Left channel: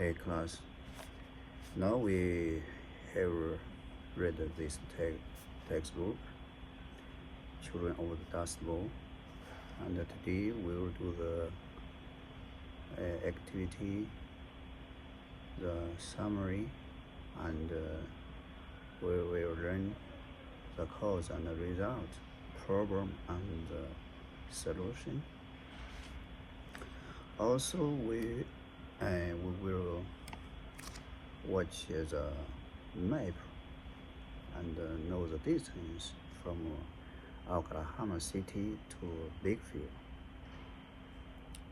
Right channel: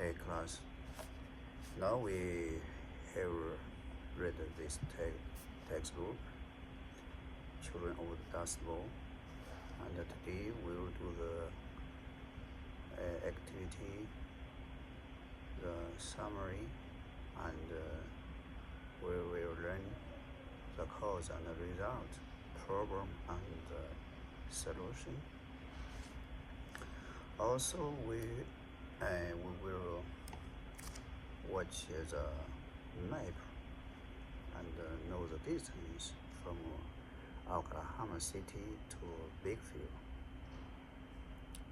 Hey class, now we have read this textbook, Children of the Dust Bowl, and today we will do the activity, the summary, and we will learn the cause and the result, problem and solution. Also, we will watch the map and know the distance from Oklahoma City to Bigfield,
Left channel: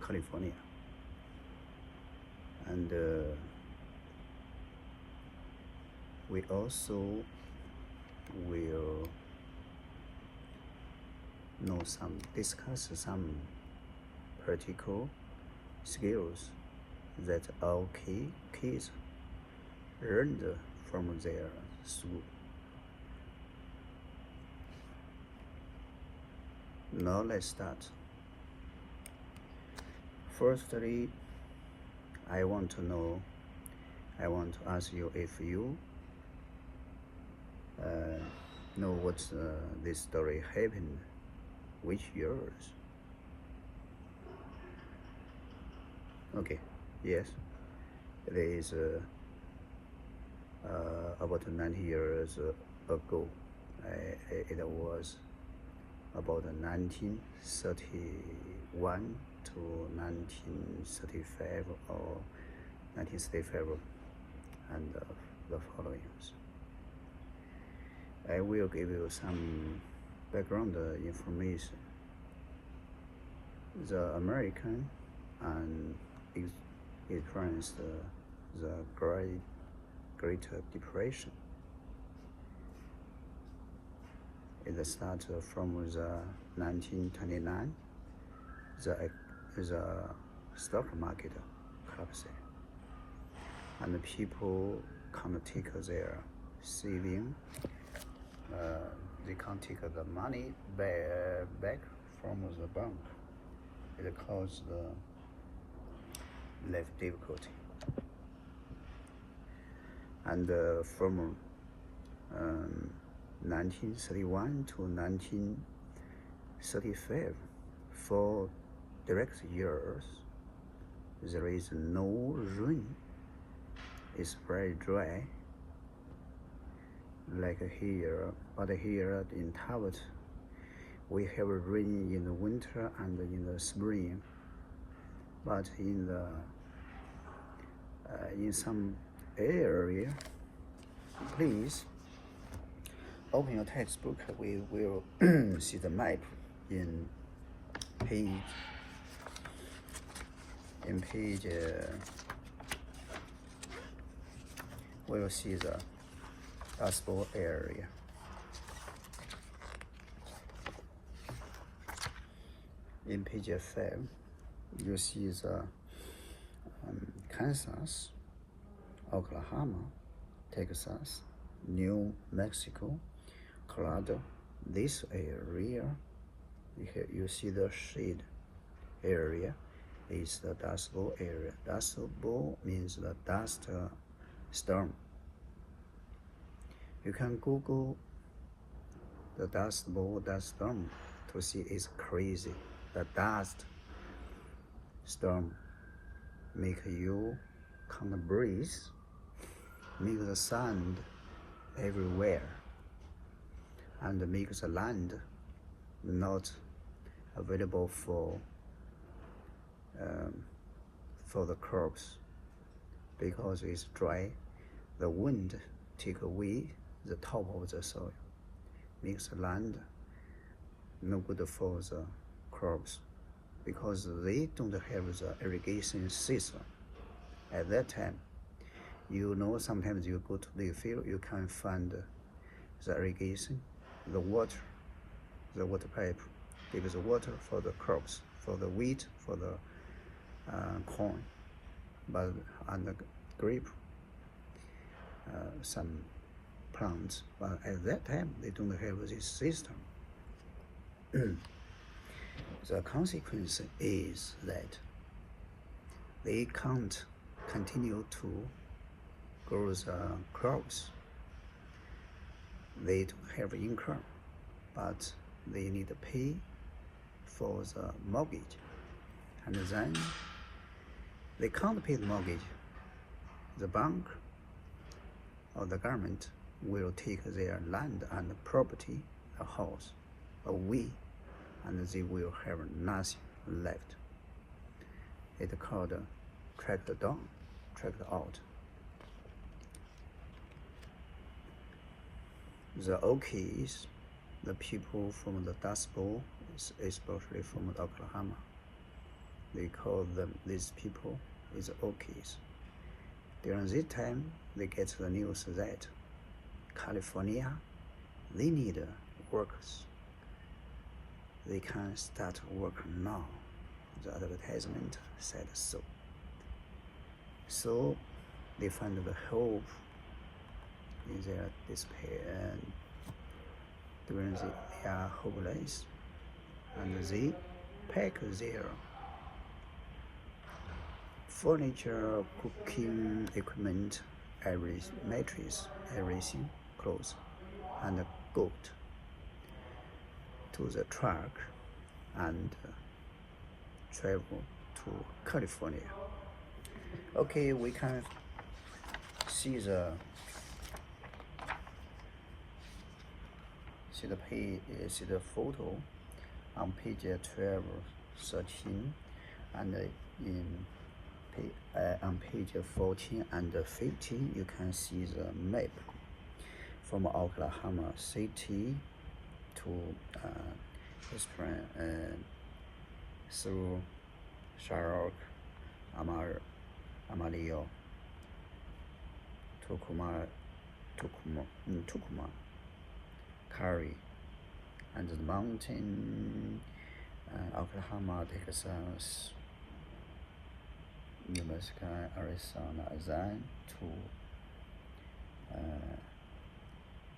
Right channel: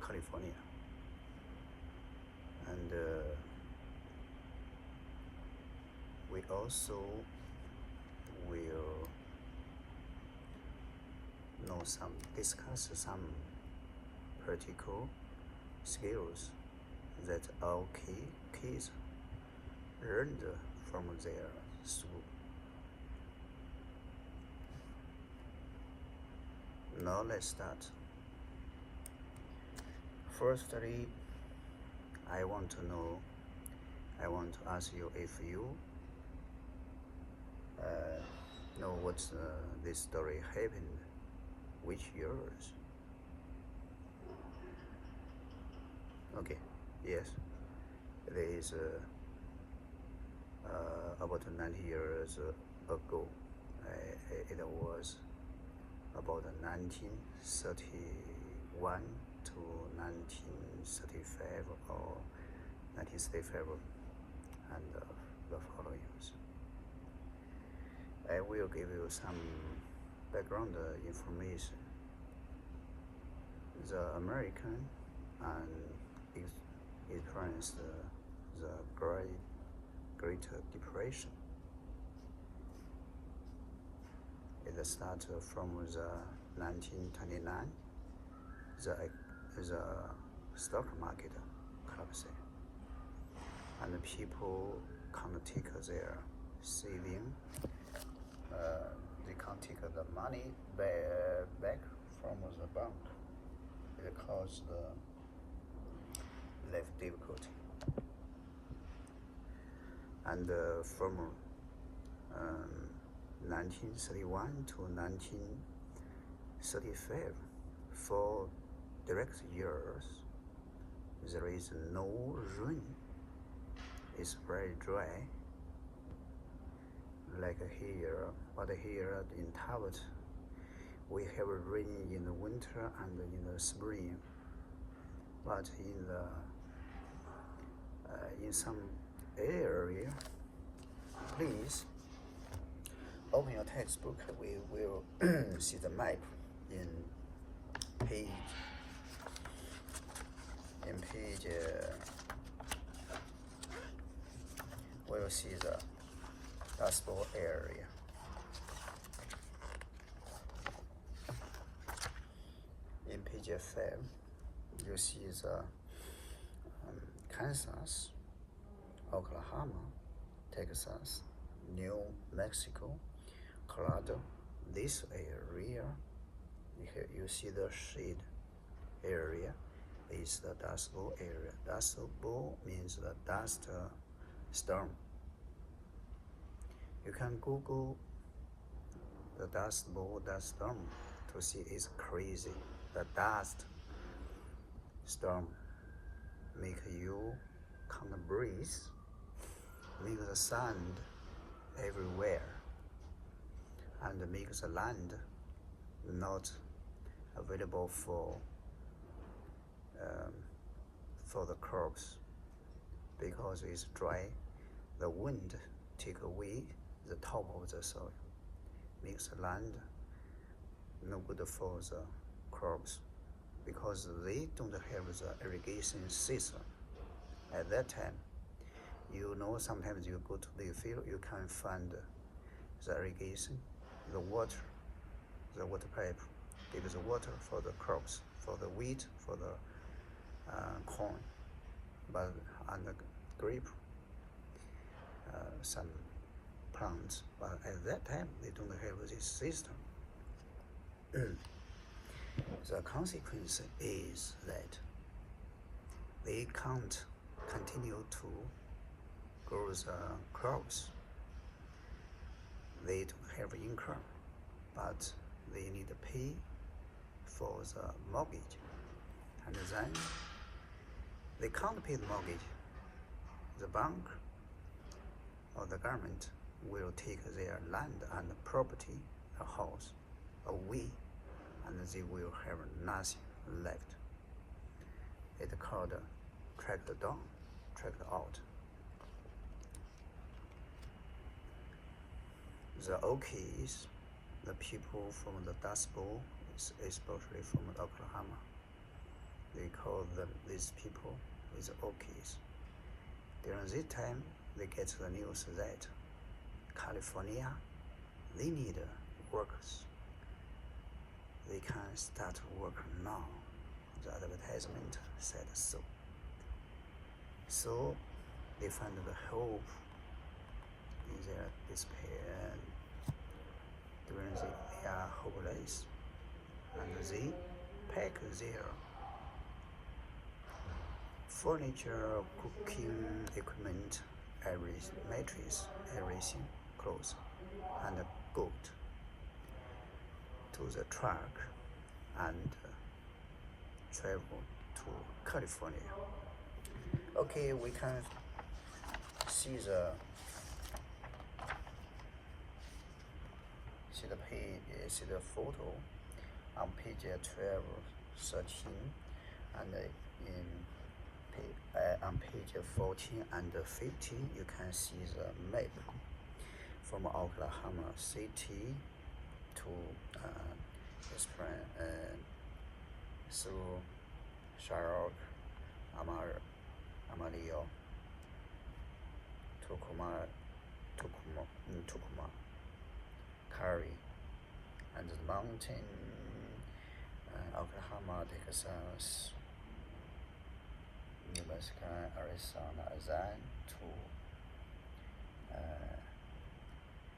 California. And we also will discuss some practical skills that all kids learned from their school. Now let's start. Firstly, I want to ask you if you know what this story happened, which years? Okay, yes, it is about 90 years ago. It was about 1931 to 1935 or 1935 and the followings. I will give you some background information. The American and experienced the Great Depression. It started from the 1929. The stock market collapsed, and the people can't take their saving. They can't take the money back from the bank. It caused life difficulty. And from 1931 to 1935, for direct years, there is no rain. It's very dry, like here. But here in Talbot, we have rain in the winter and in the spring. But in some area, please open your textbook. We will see the map in page. We will see the Dust Bowl area. In page 5, you see the Kansas, Oklahoma, Texas, New Mexico, Colorado. This area, you see the shade area, is the Dust Bowl area. Dust Bowl means the dust storm. You can Google the Dust Bowl, dust storm, to see it's crazy. The dust storm make you can't breathe, make the sand everywhere, and make the land not available for the crops because it's dry. The wind take away the top of the soil, makes the land no good for the crops because they don't have the irrigation system. At that time, sometimes you go to the field, you can find the irrigation, the water pipe gives the water for the crops, for the wheat, for the corn, but on the grape, some plants. But at that time, they don't have this system. The consequence is that they can't continue to grow the crops. They don't have income, but they need to pay for the mortgage, and then they can't pay the mortgage. The bank or the government will take their land and property, a house, away, and they will have nothing left. It's called tracked down, tracked out. The Okies, the people from the Dust Bowl, especially from Oklahoma, they call them, these people is Okies. During this time, they get the news that California, they need workers. They can start work now. The advertisement said so. So they find the hope in their despair, and during they are hopeless, and they pack their furniture, cooking equipment, every mattress, everything, clothes, and goat to the truck and travel to California. Okay, we can see the photo on page 12, 13, and on page 14 and 15 you can see the map from Oklahoma City to through Charlotte, Amarillo, Tucumã, Cary, and the mountain, Oklahoma, Texas, New Mexico, Arizona, then to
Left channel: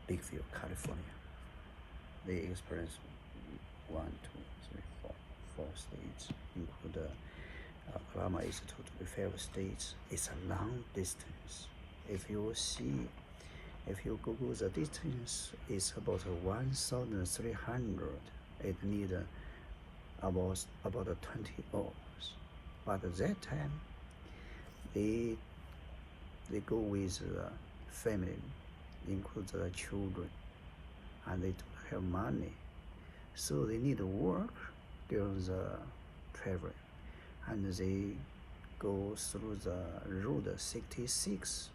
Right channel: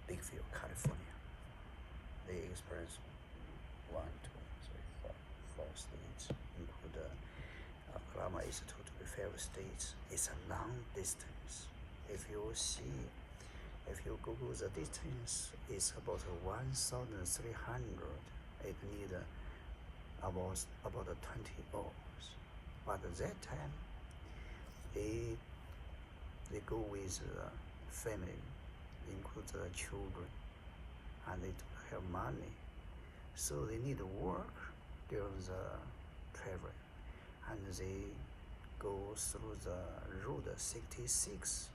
Bigville, California. They experience 1, 2, 3, 4, 4 states, include Oklahoma is 2 to 5 states. It's a long distance. If you Google the distance, it's about 1,300. It need about 20 hours. But at that time, they go with the family, include the children, and they don't have money, so they need to work during the travel, and they go through the road 66.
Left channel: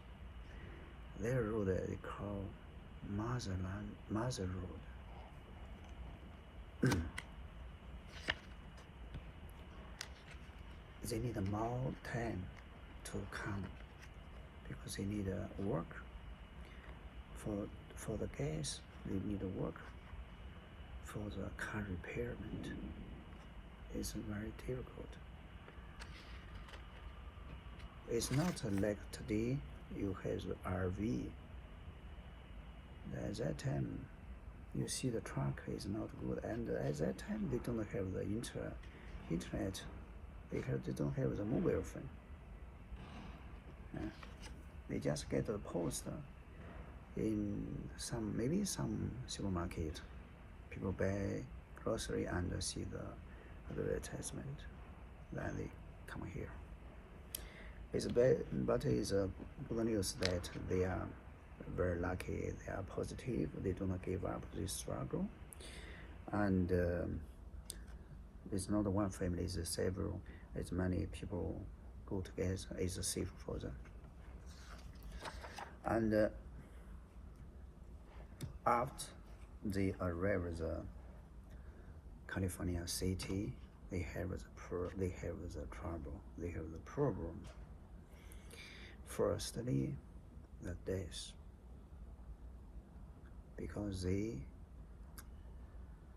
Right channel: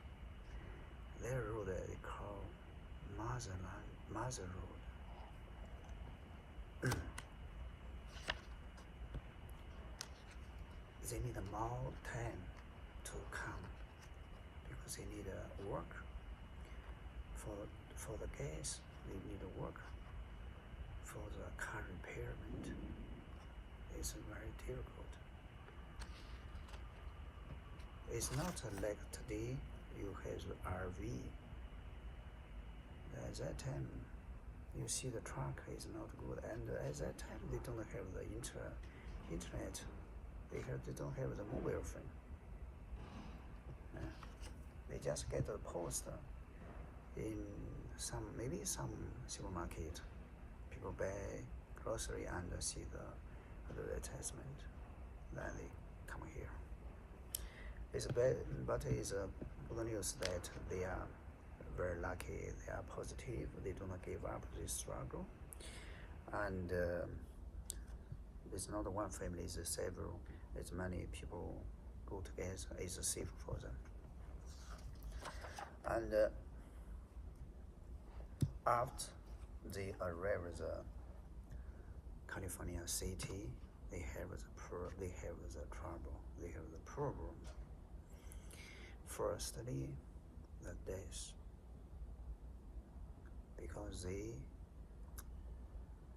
Their road they call Mother Road. They need more time to come because they need work for the gas. They need work for the car repairment. It's very difficult. It's not like today you have the RV. At that time, you see the truck is not good, and at that time they don't have the internet. They don't have the mobile phone. They just get the post in maybe some supermarket. People buy grocery and see the advertisement. Then they come here. It's bad, but it's good news that they are very lucky. They are positive. They do not give up this struggle. And it's not one family, it's several. It's many people go together. It's safe for them. And after they arrive at the California city, they have the trouble. They have the problem. Firstly, the death, because they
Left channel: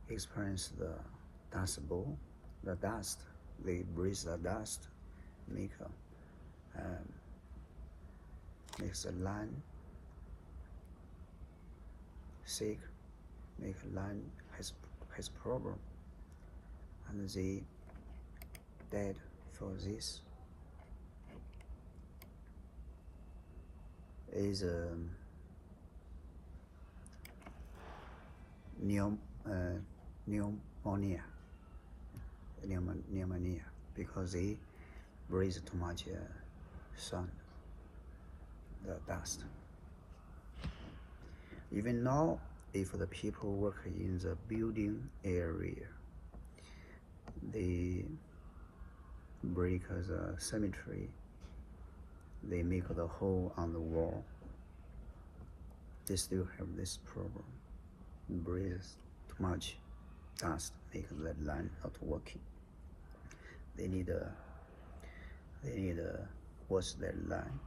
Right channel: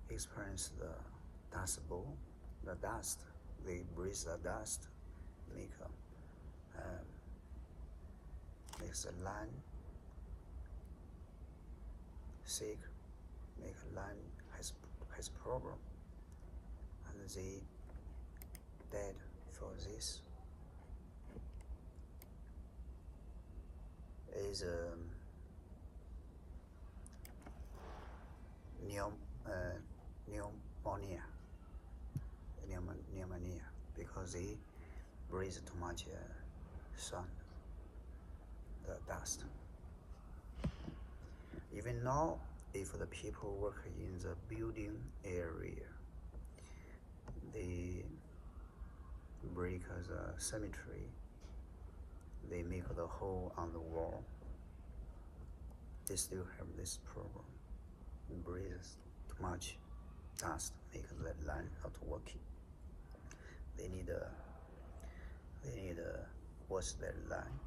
experience the dust bowl, the dust. They breathe the dust, makes the land sick, make land has problem, and they dead for this. is pneumonia, because they breathe too much sound, the dust. Even now, if the people work in the building area, they break the cemetery, they make the hole on the wall, they still have this problem. Breathe too much dust, make the line not working. They need wash their line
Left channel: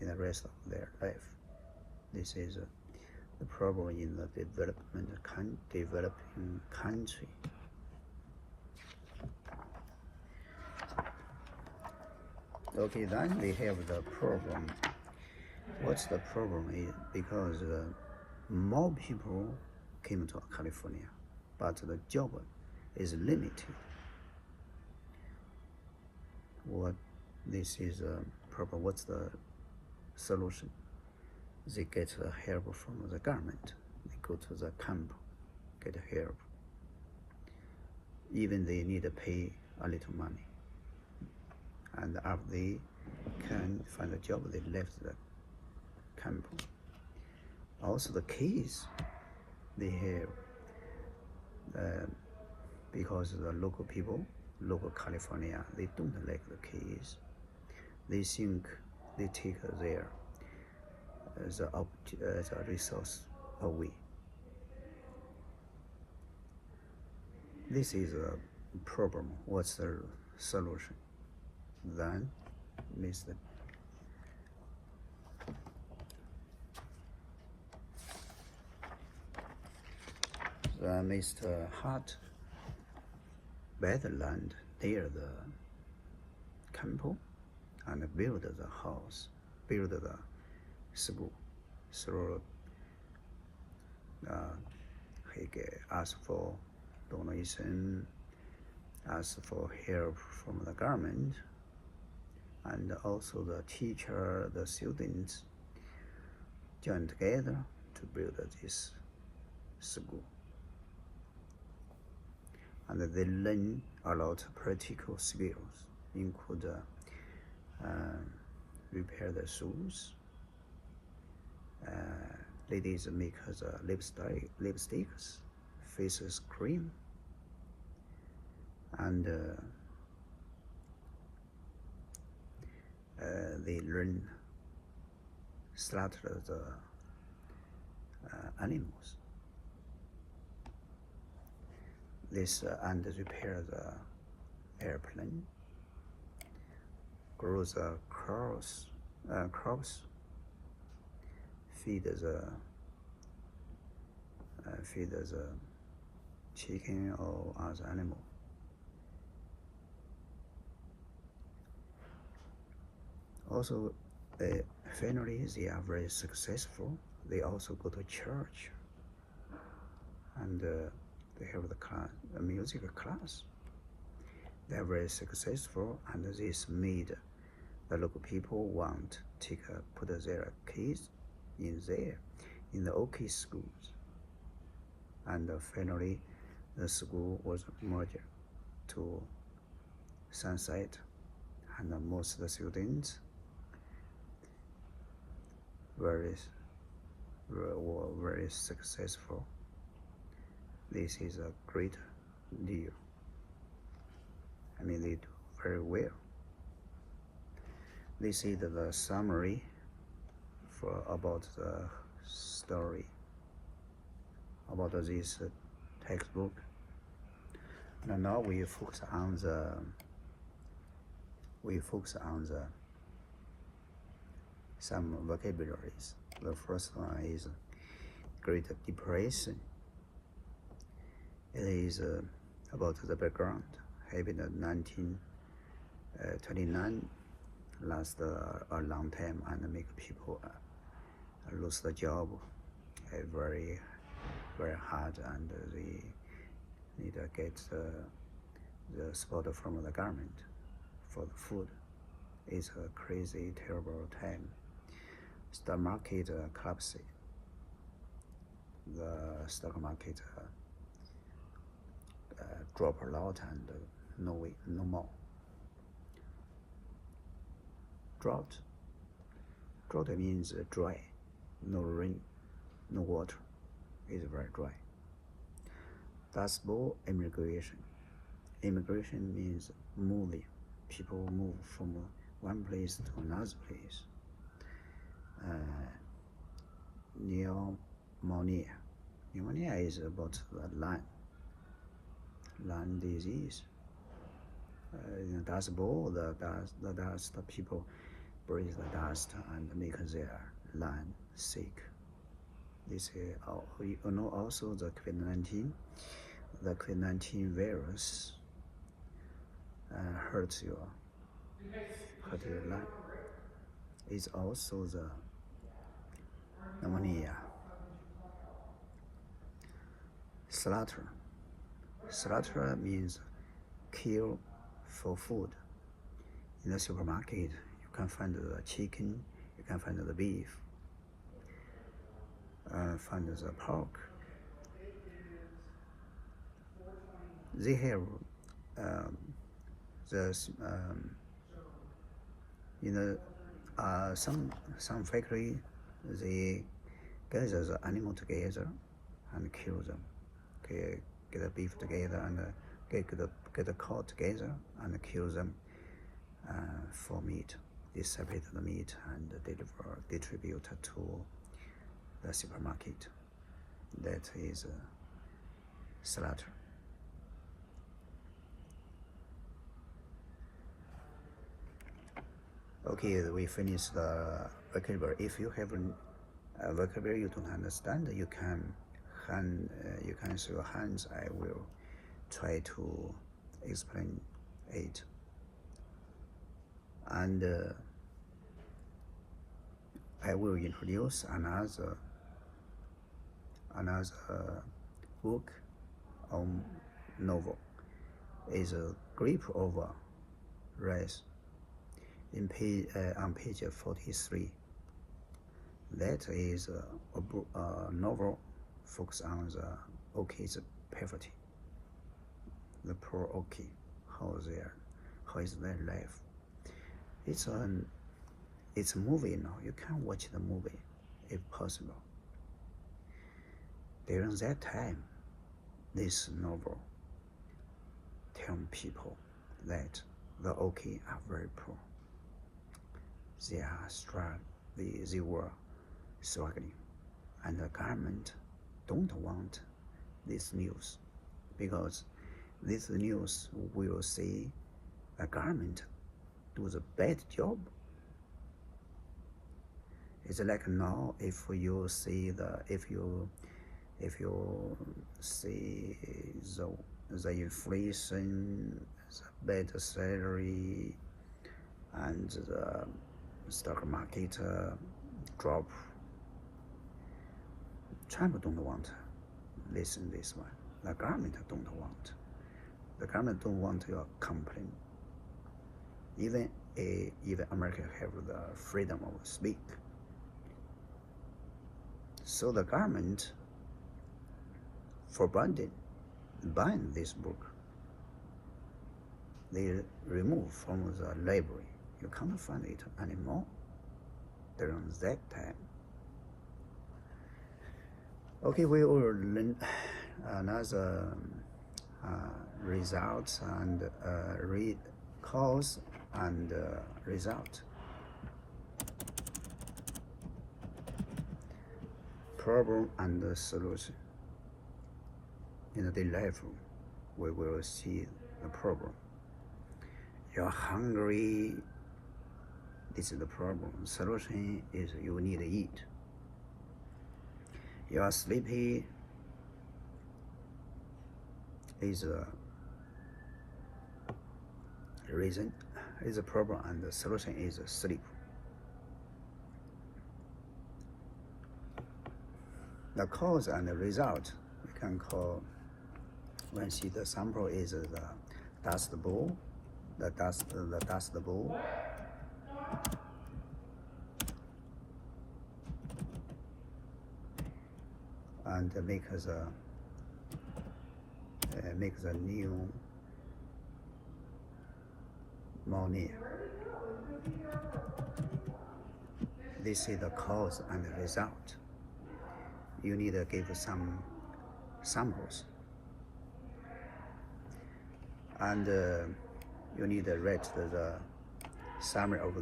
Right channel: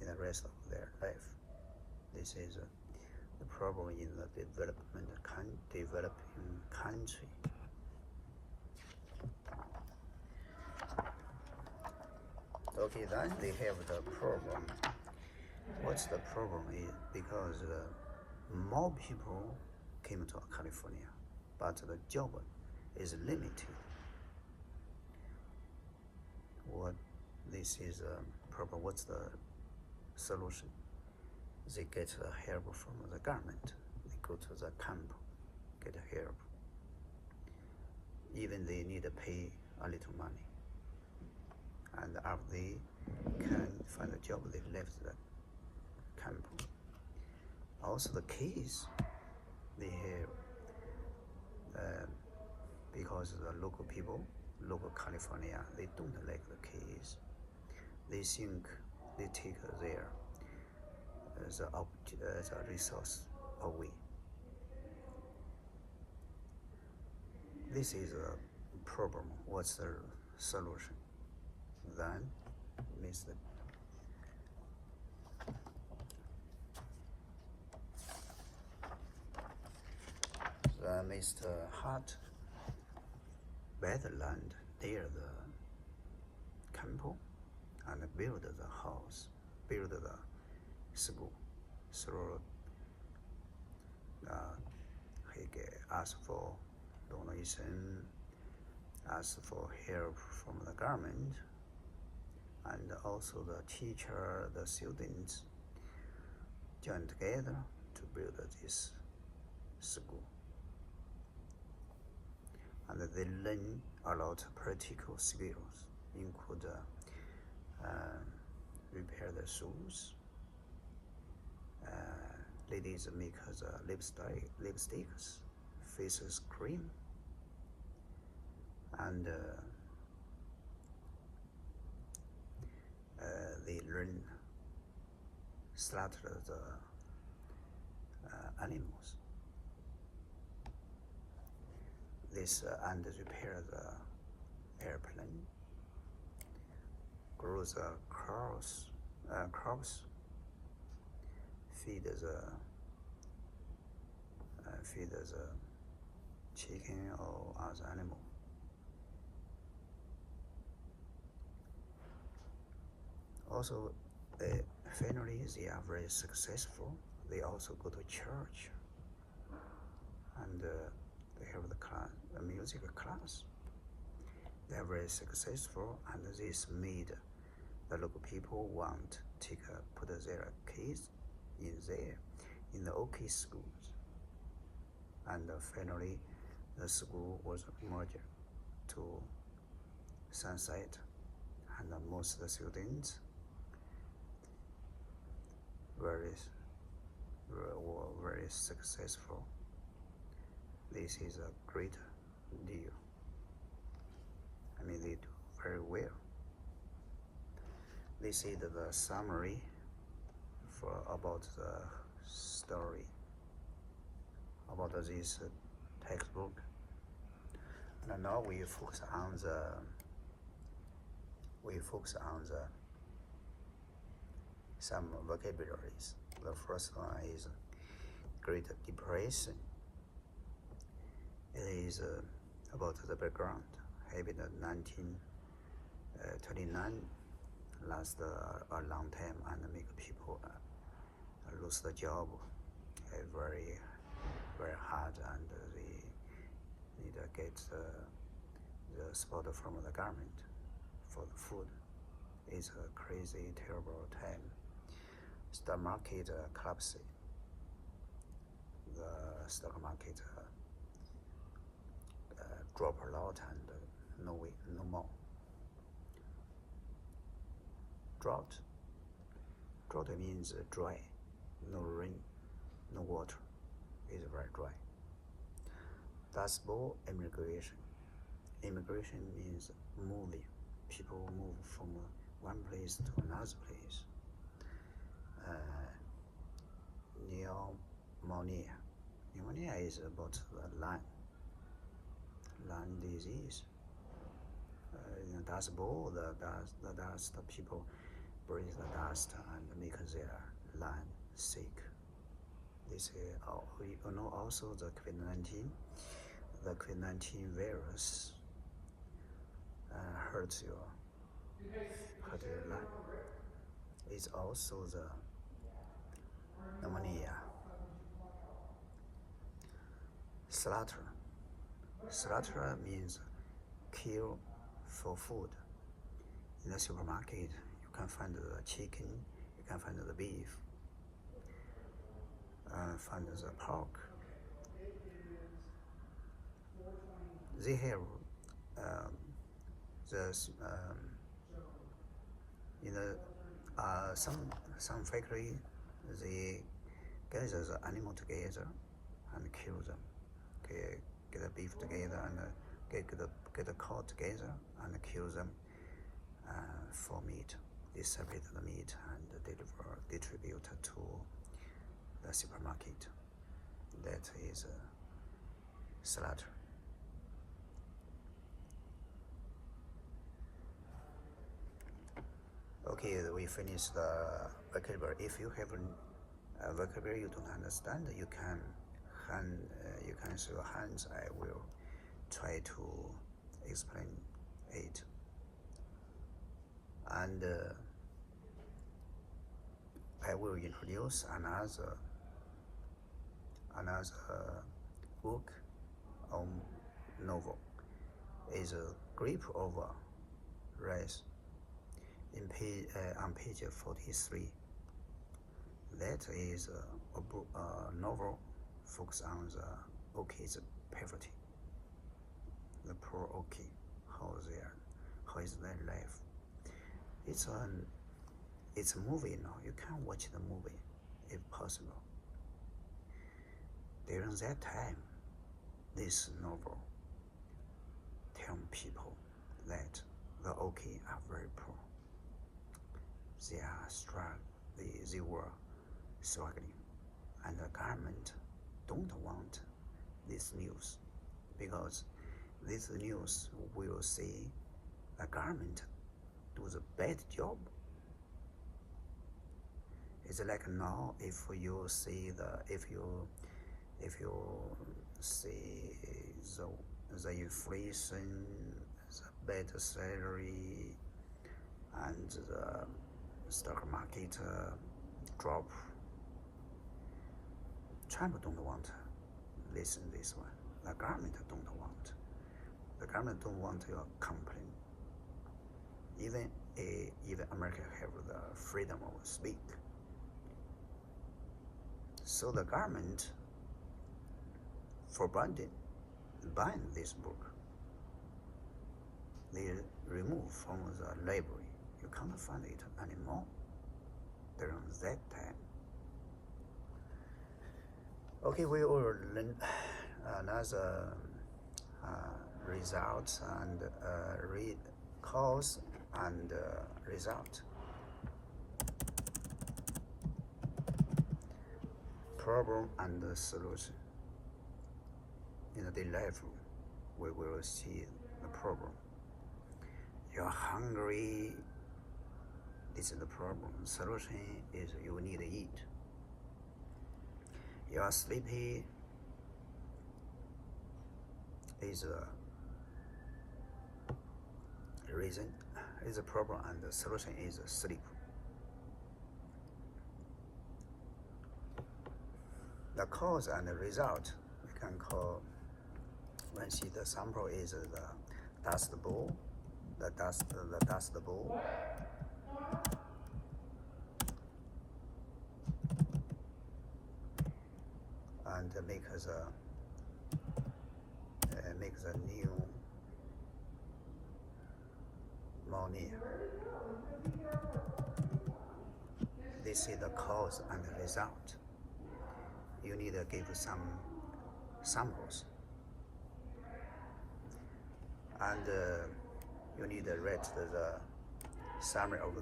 in the rest of their life. This is the problem in the developing country. Okay, then they have the problem. What's the problem is because more people came to California, but the job is limited. What this is a problem. What's the solution? They get help from the government. They go to the camp, get help. Even they need to pay a little money. And after they can find a job, they left the camp. Also the kids, they have, because the local people, local California, they don't like the kids. They think they take their the resource away. This is a problem. What's the solution? Then, Mr. Hart buy the land near the camp and build the house, build the school. So he asked for donation, asked for help from the government, and also the teacher, the students joined together to build this school. And they learn a lot of practical skills, include repair the shoes, ladies make the lipsticks, faces cream, and they learn slaughter the animals. This and repair the airplane, grow the crops, feed the chicken or other animal. Also, finally, they are very successful. They also go to church, and they have the music class. They are very successful, and this made the local people want to put their kids in the OK schools. And finally, the school was merged to Sunset, and most of the students were very successful. This is a great deal. I mean, they do very well. This is the summary about the story about this textbook. And now we focus on some vocabularies. The first one is Great Depression. It is about the background. Happened in 1929, last a long time, and make people lose the job. Very, very hard, and they need to get the support from the government for the food. It's a crazy, terrible time. stock market collapsed. The stock market dropped a lot and no more. Drought means dry, no rain, no water, it's very dry. Dust Bowl immigration. Immigration means moving. People move from one place to another place. Pneumonia. Pneumonia is about the lung disease. In the Dust Bowl, the dust people breathe the dust and make their lung sick. This is also the COVID-19. The COVID-19 virus hurt your lung. It's also the pneumonia. Slaughter. Slaughter means kill for food. In the supermarket, you can find the chicken, you can find the beef, find the pork. They have some factory, they gather the animal together and kill them. Get the beef together and get the cow together and kill them for meat. They separate the meat and distribute to the supermarket. That is slaughter. Okay, we finished the vocabulary. If you have a vocabulary you don't understand, you can show your hands. I will try to explain it. And I will introduce another book or novel. Is a Grip of Wrath. On page 43. That is a novel focused on the Oki's poverty. The poor Oki, how is their life. It's a movie now. You can watch the movie if possible. During that time, this novel tells people that the Oki are very poor. They were struggling, and the government don't want this news, because this news will say the government do the bad job. It's like now, if you see the inflation, the bad salary, and the stock market drop, Trump don't want to listen this one. The government don't want. The government don't want your complaint. Even America have the freedom of speak. So the government ban this book. They remove from the library. You can't find it anymore during that time. Okay, we will learn another results and read cause and result. Problem and solution. In the daily life, we will see the problem. You're hungry. This is the problem. Solution is you need to eat. You are sleepy. Is a reason. Is a problem, and the solution is sleep. The cause and the result we can call. When see the sample is the dust bowl. The dust bowl. and make the new money. This is the cause and the result. You need to give some samples, and you need to write the summary of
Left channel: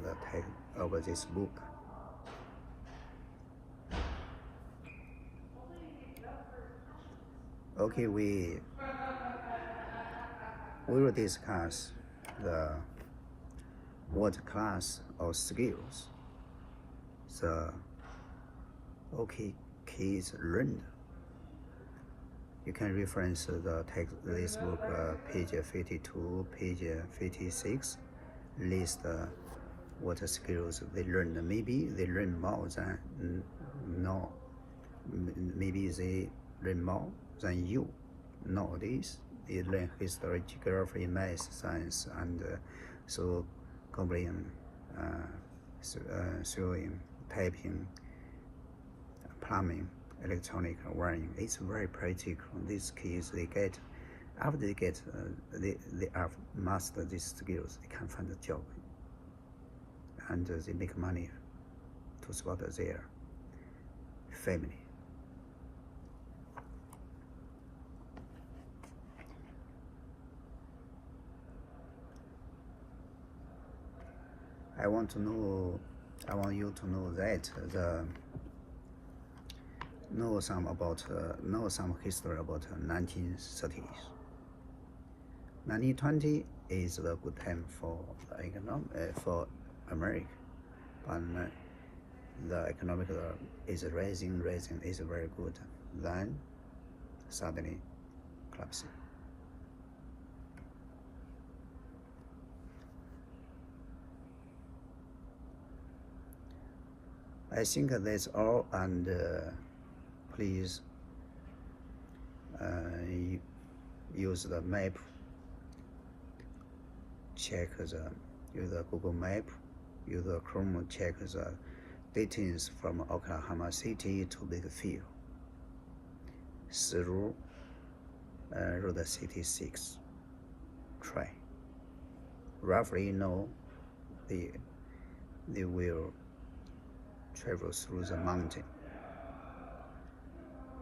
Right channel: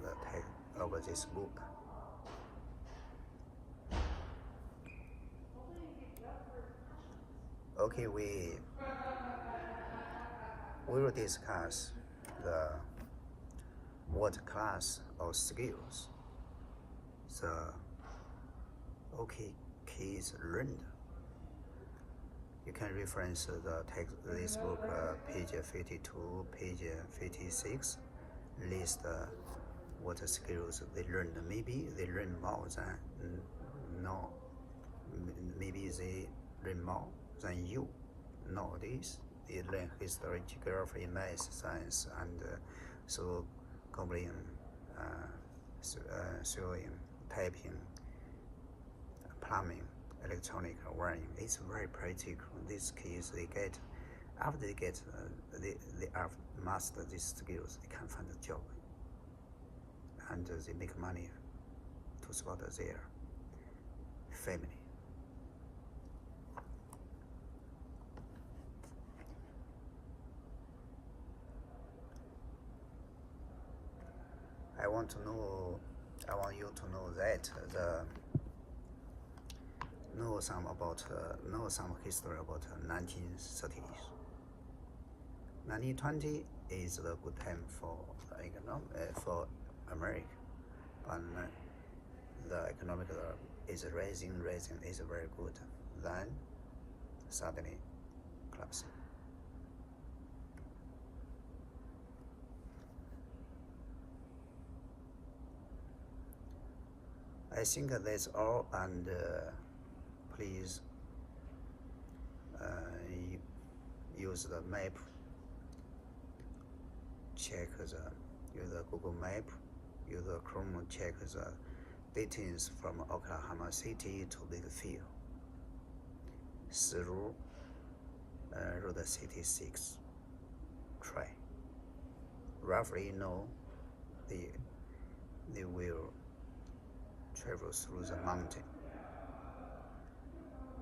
this book. Okay, we will discuss what class of skills the OK kids learned. You can reference the text, this book, page 52, page 56, list what skills they learned. Maybe they learn more than no. Maybe they learn more than you. Nowadays, they learn history, geography, math, science, and so coding, sewing, typing, plumbing, electronic wiring. It's very practical. These kids, they get, after they get, they have mastered these skills, they can find a job, and they make money to support their family. I want you to know that know some history about 1930s. 1920 is the good time for for America, but the economic is rising is very good. Then suddenly collapsing. I think that's all, and please use the map, check use the Google Map, use the Chrome, check the distance from Oklahoma City to Bakersfield through Route 66. Try. Roughly know they will travel through the mountain.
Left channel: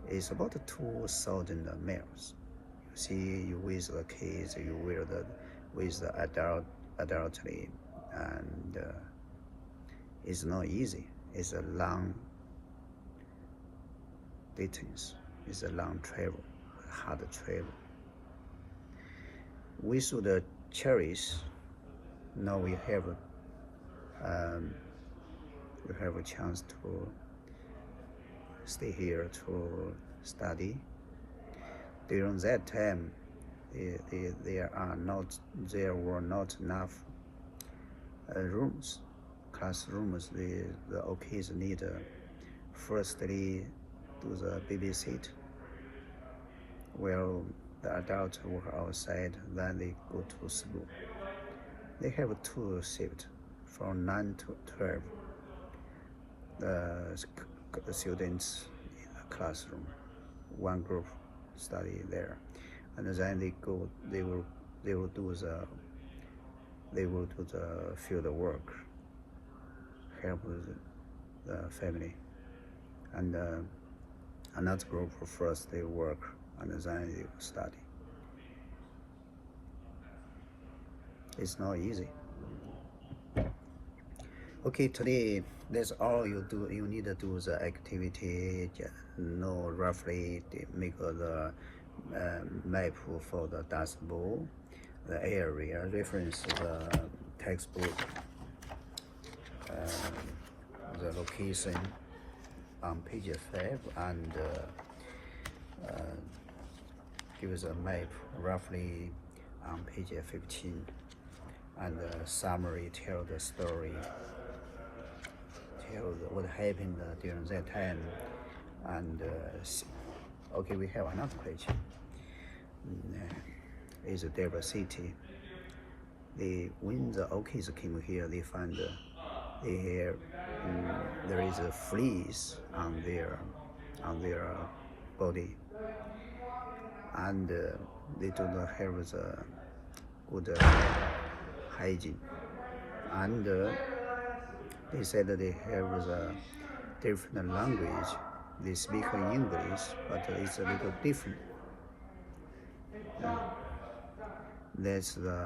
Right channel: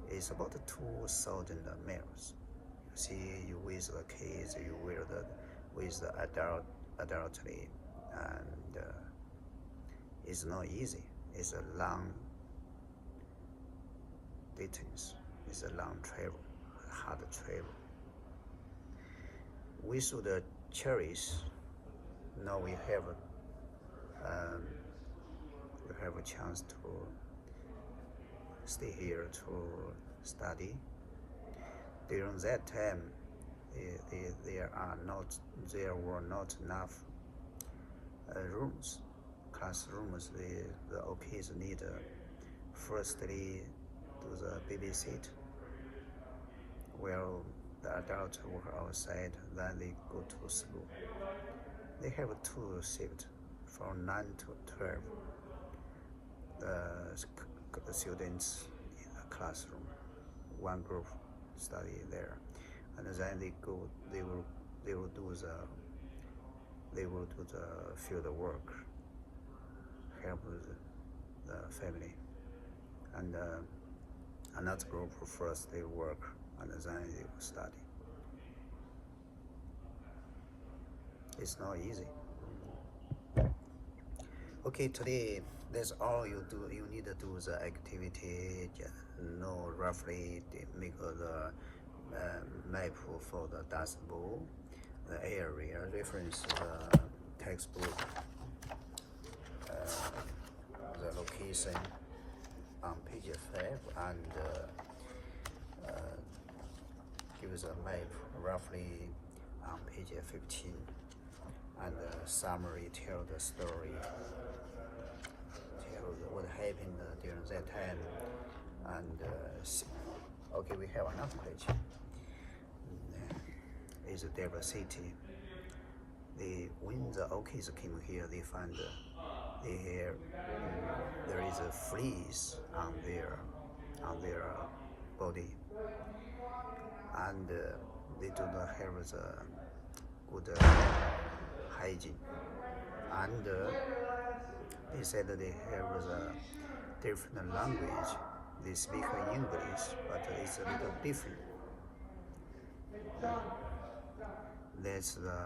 It's about 2,000 miles. You see, you with the kids, you with the adultly, and it's not easy. It's a long distance. It's a long travel, hard travel. We should cherish. Now we have a chance to stay here to study. During that time, there were not enough rooms, classrooms. The kids need firstly do the babysit, while the adults work outside. Then they go to school. They have 2 shifts from 9 to 12. The students in a classroom, one group study there, and then they will do the field work, help the family, and another group first they work and then they study. It's not easy. Okay, today that's all you do. You need to do the activity, know roughly, make the map for the Dust Bowl, the area, reference the textbook, the location on page 5, and give us a map roughly on page 15, and summary, tell the story, tell what happened during that time. And okay, we have another question. Is diversity. When the kids came here, they find there is a fleas on their body, and they do not have the good hygiene, and they said they have the different language. They speak English, but it's a little different. That's the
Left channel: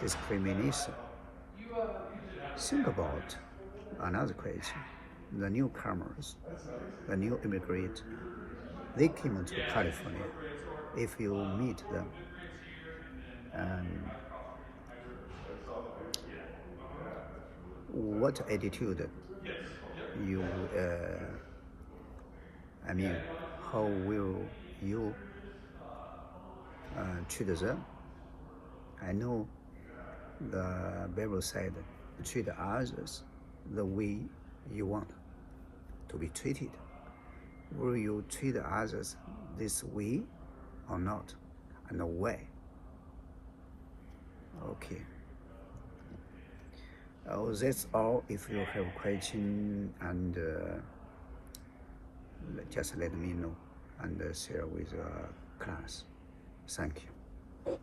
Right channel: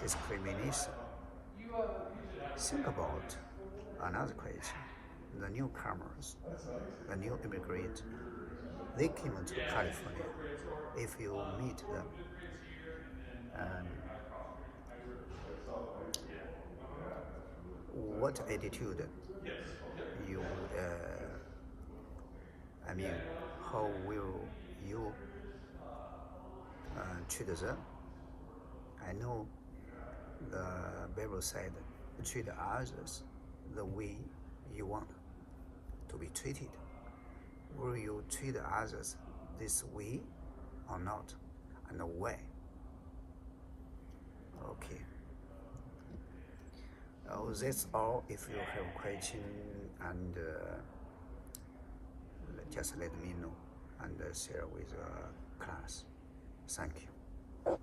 discrimination. Think about another question. The newcomers, the new immigrant, they came to California. If you meet them, what attitude you, how will you treat them? I know the Bible said, treat others the way you want to be treated. Will you treat others this way or not, and why? Okay. That's all. If you have question, and just let me know and share with your class. Thank you.